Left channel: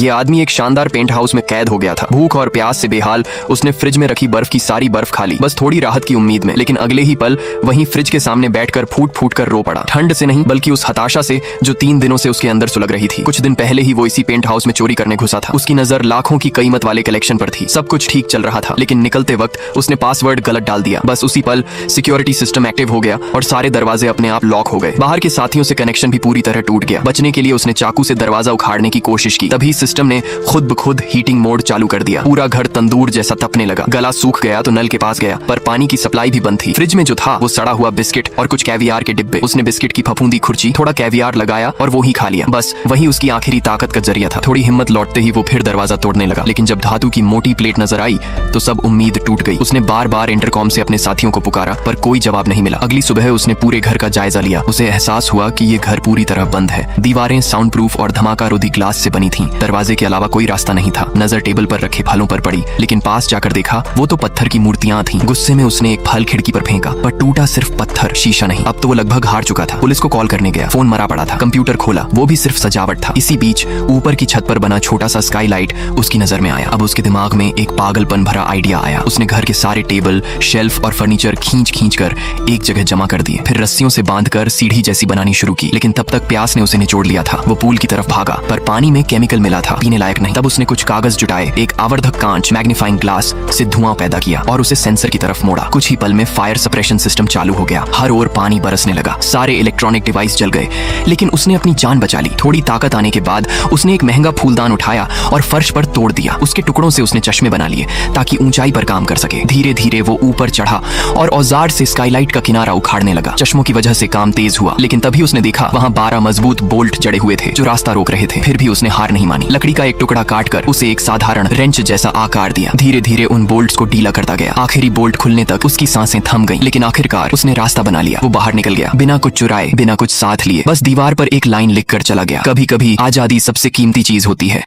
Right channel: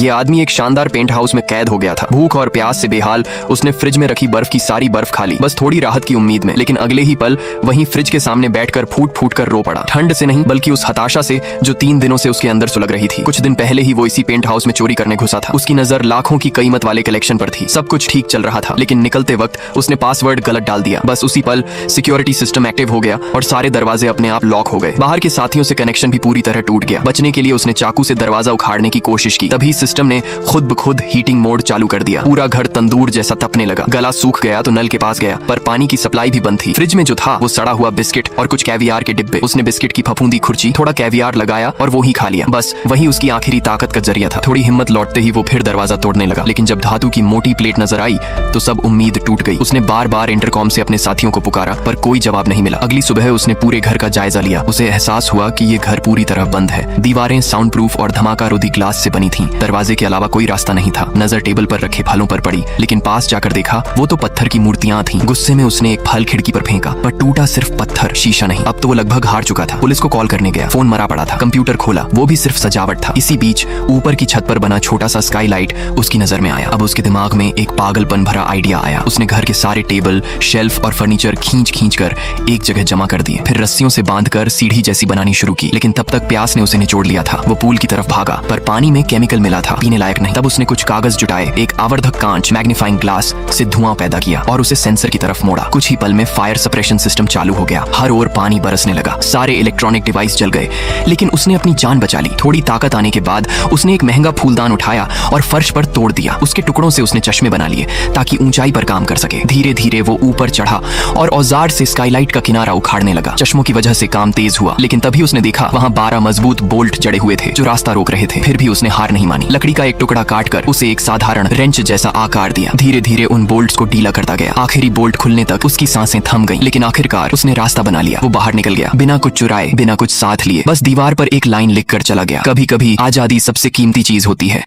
ये आदमी एक शानदार पेंट हाउस में कैद हो गया था। भूख और प्यास से बेहाल उसने फ्रिज में रखी बर्फ की सारी बर्फ खा ली, बस थोड़ी राहत की उम्मीद में। लेकिन अगले ही पल वहीं फ्रिज के सामने बैठकर फूट फूट कर रो पड़ा। ठंड से नहीं बल्कि उस हताशा से जो 3 दिनों से उसके अंदर सुलग रही थी। कुछ दिन पहले ही वो इसी पेंट हाउस में चोरी करने घुसा था। उसकी नजर लाखों की कीमत वाले कलेक्शन पर थी। सब कुछ ठीक चल रहा था, लेकिन निकलते वक्त उसने पासवर्ड गलत डाल दिया। बस उसी पल सिक्योरिटी सिस्टम एक्टिव हो गया और सारे दरवाजे अपने आप लॉक हो गए। बाहर के साथियों से कनेक्शन भी पूरी तरह टूट गया। बचने के लिए उसने चाकू से दरवाजा उखाड़ने की कोशिश की। तभी सिस्टम ने खुद ब खुद हीटिंग मोड चालू कर दिया। पूरा घर तंदूर जैसा तपने लगा। गला सूख गया तो नल के पास गया, पर पानी की सप्लाई भी बंद थी। फ्रिज में जो था वो सड़ा हुआ बिस्किट और कुछ कैवियार के डिब्बे। उसने बिस्किट की फफूंदी खुरची, थोड़ा कैवियार लगाया और वो ही खा लिया। बस वही उसकी आखिरी ताकत का जरिया था। थोड़ी हिम्मत लौटते ही वो फिर दरवाजा तोड़ने लगा, लेकिन जब धातु की मोटी प्लेट नजर आई तो सब उम्मीद टूट गई। उसने बार बार इंटरकॉम से अपने साथियों को पुकारा, पर कोई जवाब नहीं मिला। अगली सुबह उसने पूरे घर का जायजा लिया। उसे एहसास हुआ कि ये घर पूरी तरह बंद है। दीवारें साउंड प्रूफ और धमाका रोधी ग्लास से बनी थी। दरवाजे के अलावा कोई रास्ता नहीं था। नजर टेबल पर रखे फलों पर पड़ी, लेकिन पास जाकर देखा वो तो पत्थर की मूर्तियां थी। गुस्से में उसने एक फल खिड़की पर फेंका, पर टूटा सिर्फ पत्थर, शीशा नहीं। अब तो वो लगभग हार चुका था। पुलिस को कॉल करने गया, फोन मरा पड़ा था। कंप्यूटर खोला, वो भी सिर्फ सजावट था। इसी बीच ऊपर की छत पर बना छोटा सा स्काईलाइट उसकी नजर में आया। अब उसके दिमाग में एक पागलपन भरा आइडिया आया। उसने घर के सारे टेबल, शेल्फ और फर्नीचर खींच कर एक जगह जमा कर दिए। फिर रस्सियों से बांधकर सीढ़ी जैसी बनानी शुरू की। लेकिन तब तक प्यास ने उसे निचोड़ लिया था। वो पूल की तरफ भागा, पर पानी में केमिकल मिला था, पीने लायक नहीं। तब उसने कुछ कागज जुटाए, एक आवर्धक कांच मैग्नीफाइंग ग्लास से धुआं पैदा किया और उसे सेंसर की तरफ मोड़ा। कुछ ही पल में फायर सप्रेशन सिस्टम चालू हो गया। हर ओर पानी बरसने लगा। सारे इलेक्ट्रॉनिक डिवाइस जल गए, लेकिन उसने अपनी जान बचा ली। थोड़ी ताकत आने के बाद उसने एक महंगा फूलदान उठाया और फर्श पर तोड़ दिया। उसके टुकड़ों से उसने चश्मे बना लिए ताकि ऊंचाई पर काम कर सके। धीरे धीरे वो ऊपर चढ़ा और औजार से स्काईलाइट का किनारा उखाड़ने लगा। चश्मों की वजह से काम तेज हुआ, लेकिन तभी उसने देखा वहाँ 12 मजबूत बोल्ट जड़े हुए थे जो रास्ता रोक रहे थे। फिर भी उसने हार नहीं मानी। लकड़ी का एक टुकड़ा काटकर उसे एक साधारण रेंच जैसा आकार दिया। धीरे धीरे उन बोल्ट्स को ढीला करता गया। आखिरी बोल्ट खुलने तक उसकी सांसें थम गईं, लेकिन आखिरकार उसने रास्ता बना लिया। वो बाहर निकल गया, बिना कुछ चुराए, बिना कुछ साथ लिए। बस दीवार पर एक लाइन लिखकर चला गया, कभी कभी आजादी सबसे कीमती चीज होती है।